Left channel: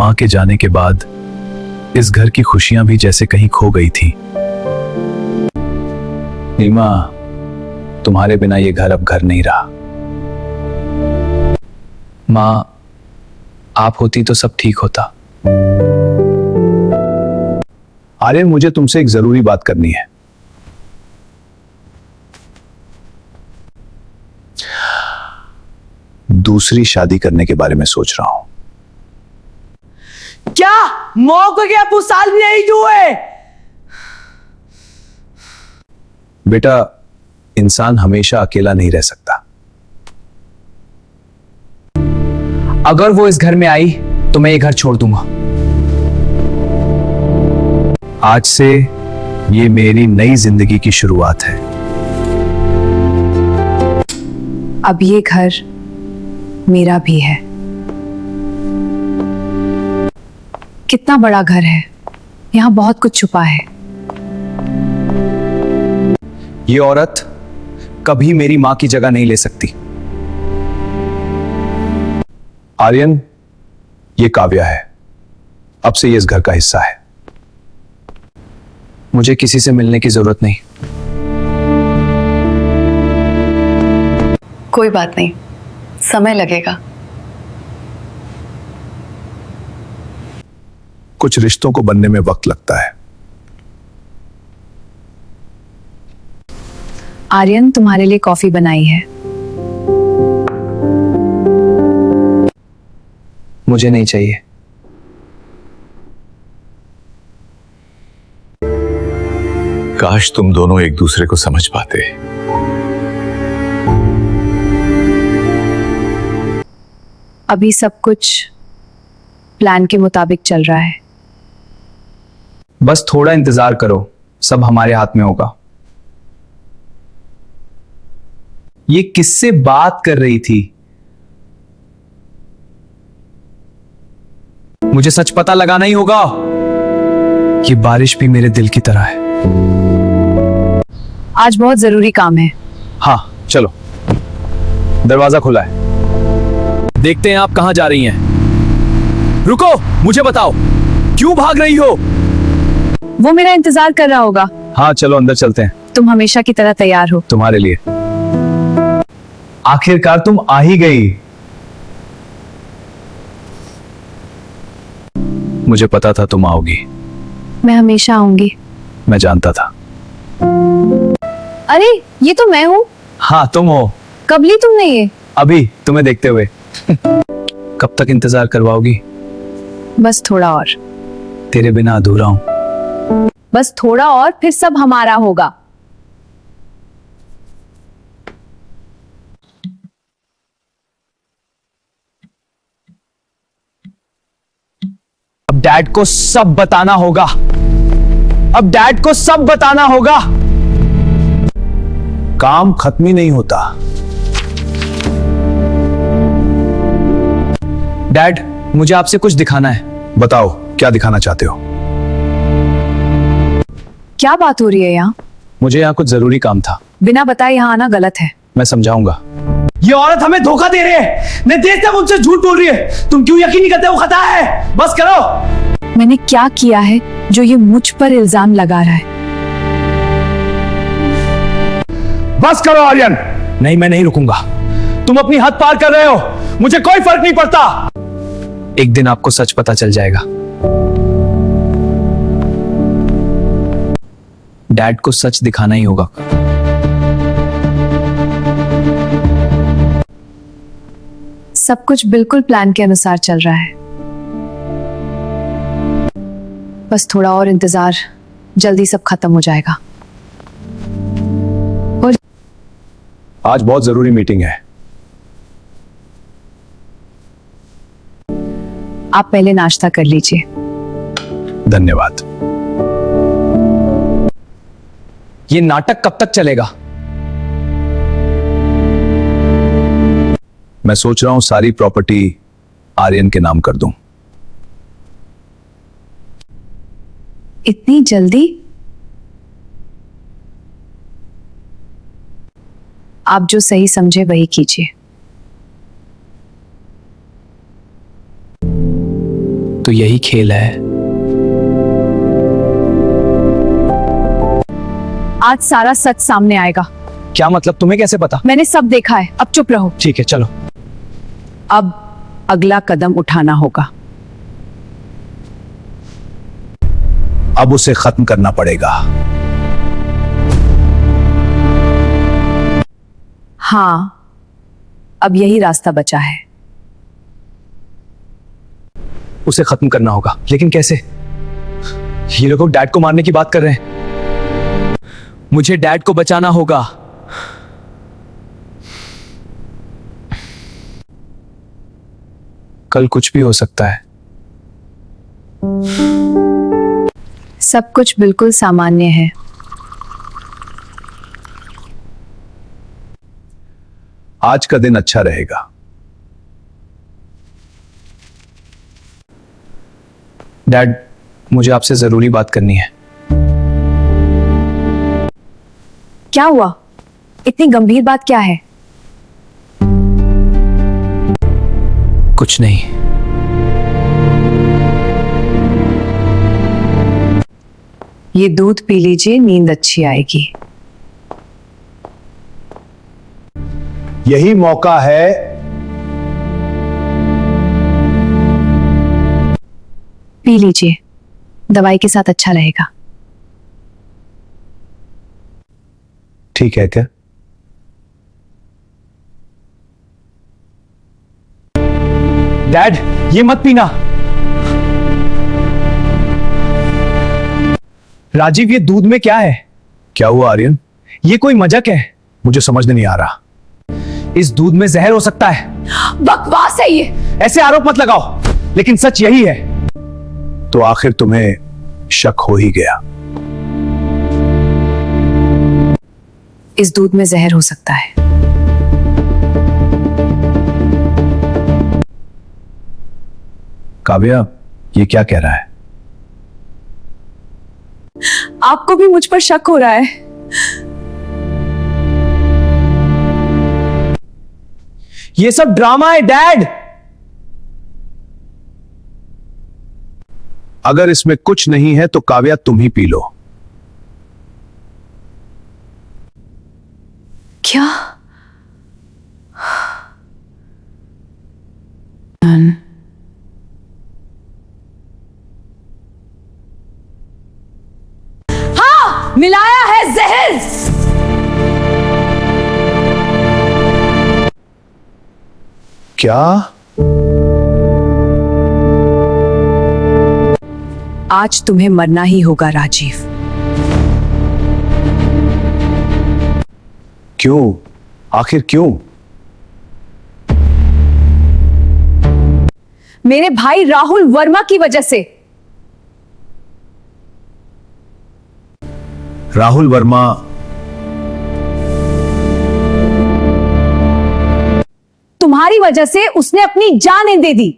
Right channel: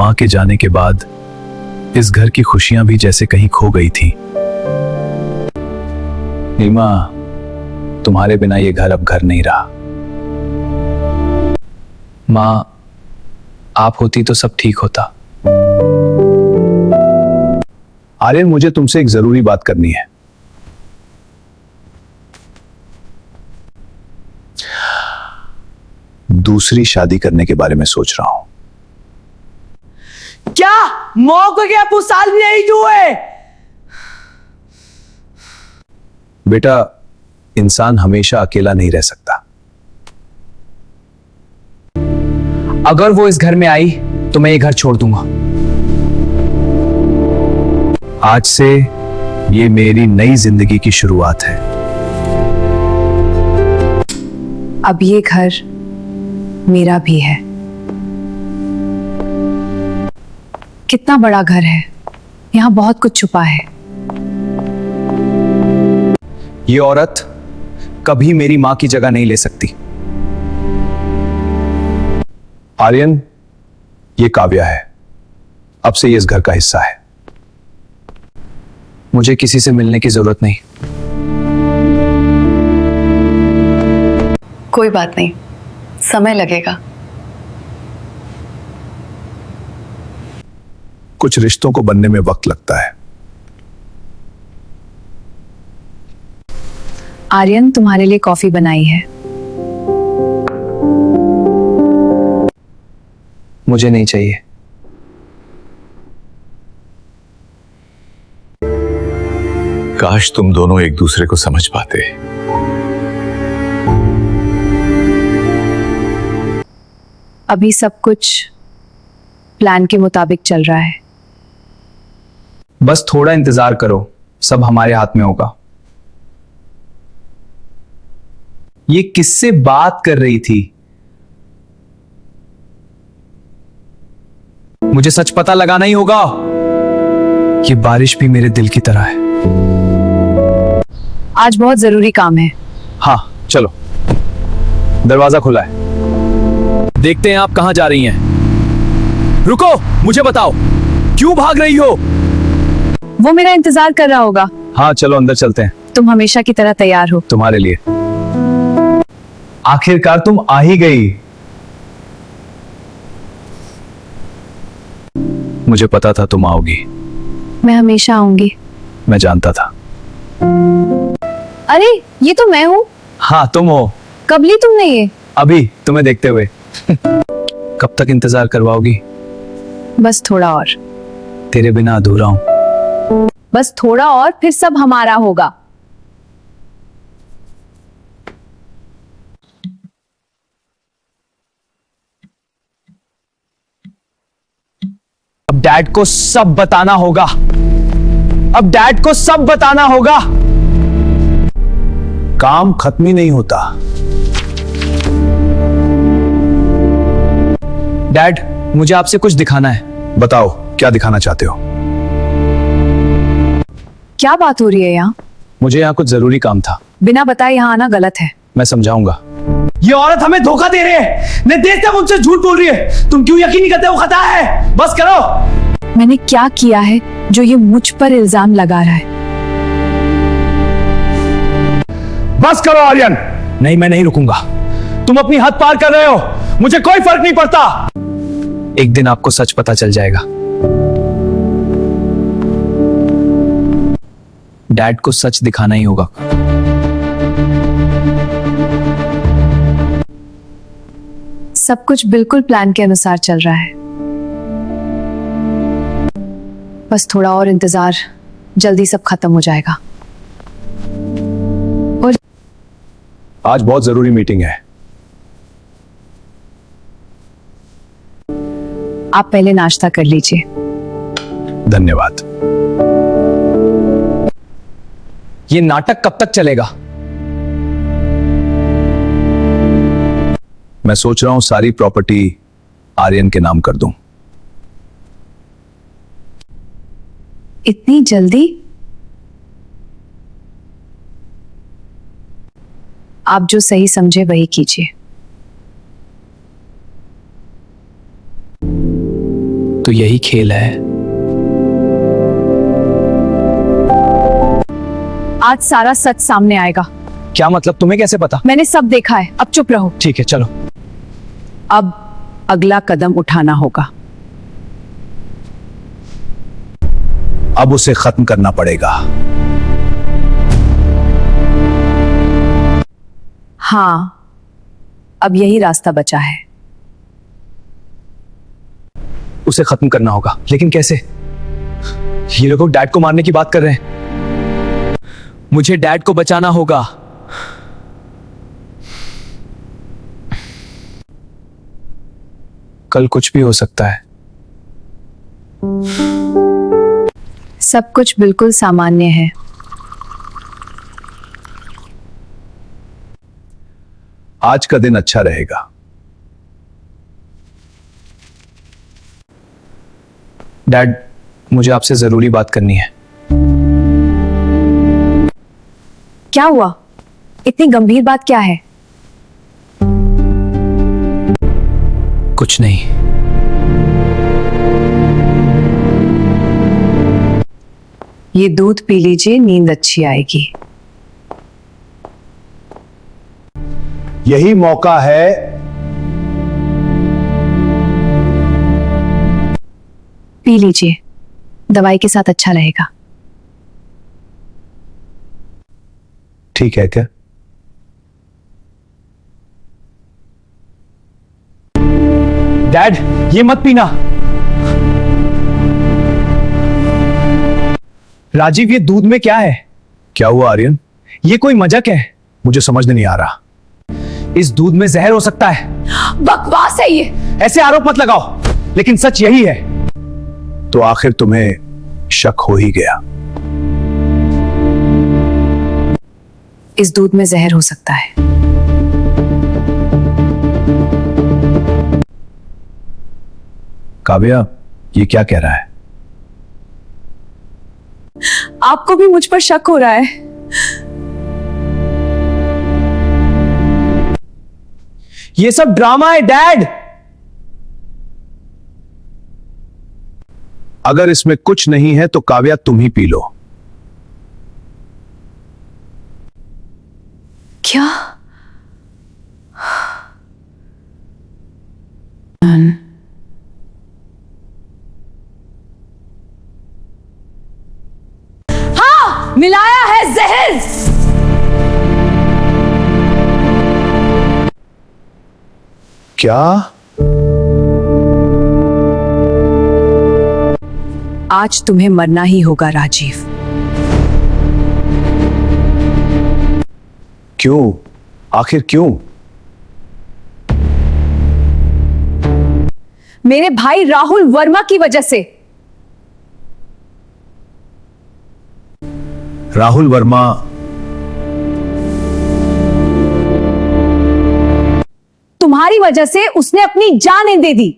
मां के जाने के बाद इस घर की खुशियां भी जैसे कहीं खो गई थी। नीमा, तुम्हारे बिना ये घर अब घर नहीं रहा। मां, आप होती तो सब ठीक होता। आर्यन, मुझे तुमसे एक जरूरी बात करनी है। दूसरी शादी करने के बारे में सोच रहा हूं। क्या मौके के कुछ साल भी नहीं हुए? बेटा, इंसान हमेशा अकेला नहीं रह सकता। अगर वो इस घर में आई तो मैं ये घर छोड़ दूंगा। आज से ये मेरी नई जिंदगी की शुरुआत है। अब ये घर मेरा भी है। कितना बड़ा घर है, यहां बहुत कुछ छुपा है। ये औरत कभी मेरी मां की जगह नहीं ले सकती। आर्यन, ये काव्या है। अब से ये इस घर का हिस्सा है। मुझे किसी से मिलने की जरूरत नहीं। कोई बात नहीं, समय लगेगा। कुछ रिश्तों को बनने में वक्त लगता है। आर्यन, तुम्हारे लिए कॉफी बनाई है। मुझे नहीं चाहिए। काश तुम दोनों एक दूसरे को समझ पाते। अभी सब कुछ प्लान के मुताबिक चल रहा है। बस थोड़ा इंतजार करो, सब हमारे हाथ में होगा। ये किससे बात कर रही थी? मुझे सच पता लगाना ही होगा। ये बारिश भी मेरे दिल की तरह है। आज बहुत जरूरी काम है। हाँ, चलो। दरवाजा खुला है। देखते हैं आप कहां जा रही हैं। रुको, मुझे बताओ, क्यों भाग रही हो? वो मेरा इंतजार कर रहा होगा। हाँ, चलो अंदर चलते हैं। तुम हमेशा की तरह तैयार हो। तुम्हारे लिए। आखिरकार तुम आ ही गई। मुझे पता था तुम आओगी। मैं हमेशा आऊंगी। मैं जानता था। अरे, ये तो मैं हूँ। हाँ, तुम हो। कब ली तुमने ये? अभी तुम्हें देखते हुए। कब तक इंतजार करवाओगी? बस थोड़ा और। तेरे बिना अधूरा हूं। बस थोड़ा और, फिर सब हमारा होगा। अब डैड को सब बताना होगा। अब डैड को सब बताना होगा। काम खत्म ही नहीं होता। डैड, मुझे आपसे कुछ दिखाना है। बताओ, क्या दिखाना चाहते हो? क्या बात हो रही है यहाँ? मुझे यहाँ कुछ जरूरी काम था। बिना बताए यहाँ आना गलत है। मैं समझाऊंगा। ये औरत हमें धोखा दे रही है। निर्देश से मुझसे झूठ बोल रही है। तुम क्यों यकीन नहीं करते? वो खता है। बस करो। मैंने क्या किया है जो ये मुझ पर इल्जाम लगा रहा है? बस करो आर्यन। नहीं, मैं नहीं रुकूंगा। तुम अपनी हद पार कर रहे हो। मुझे कोई फर्क नहीं पड़ता। एक दिन आपको सच पता चल जाएगा। डैड को सच दिखाना ही होगा। सब कुछ बिल्कुल प्लान के अनुसार चल रहा है। बस थोड़ा और इंतजार, जल्दी सब खत्म हो जाएगा। और आज बहुत जरूरी मीटिंग है। आप पहले नाश्ता कर लीजिए। धन्यवाद। ये नाटक कब तक चलेगा? मैं सोच रहा हूं सारी प्रॉपर्टी आर्यन के नाम कर दूं। इतनी जल्दी? आप जो सही समझे वही कीजिए। तो तो यही खेल है। आज सारा सच सामने आएगा। क्या मतलब? तुम्हें कैसे पता? मैंने सब देखा है, अब चुप रहो। ठीक है, चलो। अब अगला कदम उठाना होगा। अब उसे खत्म करना पड़ेगा। हाँ, अब यही रास्ता बचा है। उसे खत्म करना होगा, लेकिन कैसे? ये लोग डैड को मारने की बात कर रहे हैं। मुझे डैड को बचाना होगा। कल कुछ भी हो सकता है। सब कुछ बिल्कुल सामान्य है। आज का दिन अच्छा रहेगा। डैड, मुझे आपसे जरूरी बात करनी है। क्या हुआ? इतनी गंभीर बात क्या है? कुछ नहीं। ये दूध पी लीजिए, नींद अच्छी आएगी। यही मौका है। पी लीजिए, दवाई के साथ अच्छा रहेगा। ठीक है क्या? डैड, ये मत पीना। राजीव, ये दूध में क्या है? क्या हुआ आर्यन? ये कोई मजाक है? मुझे समझ नहीं आ रहा। इस दूध में जहर हो सकता है। बकवास है ये। ऐसे आरोप मत लगाओ, लेकिन सच यही है। तो आखिर तुम्हें शक हो ही गया। इस दूध में जहर हो सकता है। काव्या, ये क्या कह रहा है? आपको भी मुझ पर शक हो रहा है? ये सब ड्रामा है डैड। अगर इसमें कुछ नहीं है तो काव्या तुम ही पी लो। क्या? हाँ, मिलाया है जहर। क्या? आज तुम्हें मरना ही होगा राजीव। क्यों? आखिर क्यों? मेरे भाई राहुल वर्मा की वजह से। राहुल वर्मा? तुम्हारी वजह से उसने अपनी जान दे दी।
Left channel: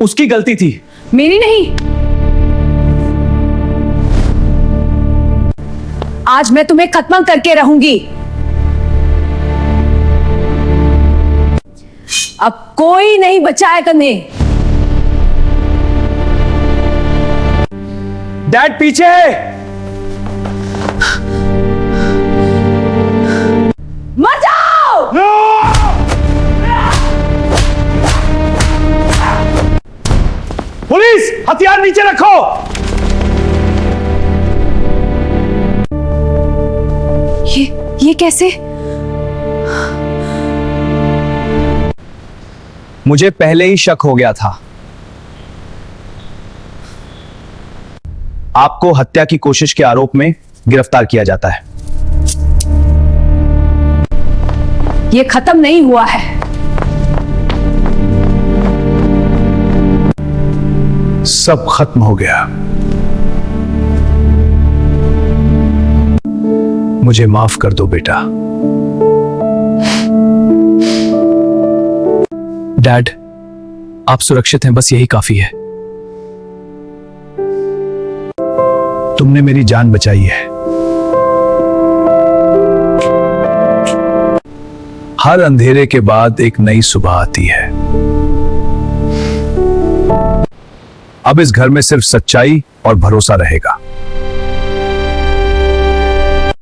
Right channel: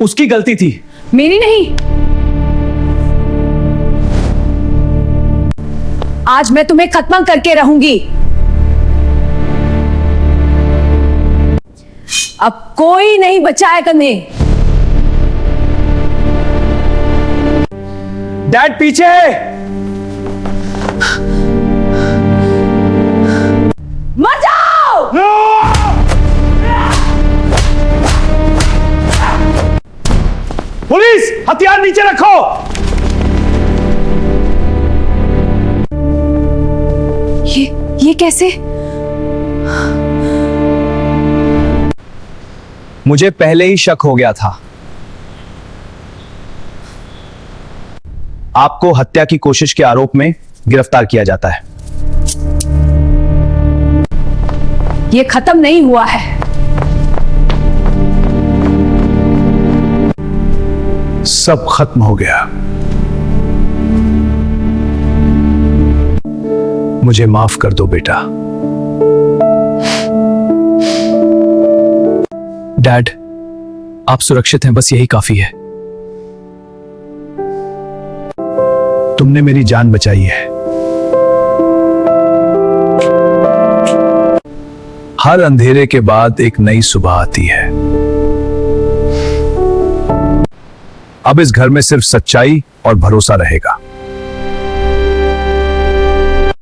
उसकी गलती थी, मेरी नहीं। आज मैं तुम्हें खत्म करके रहूंगी। अब कोई नहीं बचाएगा तुम्हें। डैड पीछे। मर जाओ। पुलिस, हथियार नीचे रखो। ये कैसे? मुझे पहले ही शक हो गया था। आपको हत्या की कोशिश के आरोप में गिरफ्तार किया जाता है। ये खत्म नहीं हुआ है। सब खत्म हो गया। मुझे माफ कर दो बेटा। डैड, आप सुरक्षित हैं, बस यही काफी है। तुमने मेरी जान बचाई है। हर अंधेरे के बाद एक नई सुबह आती है। अब इस घर में सिर्फ सच्चाई और भरोसा रहेगा।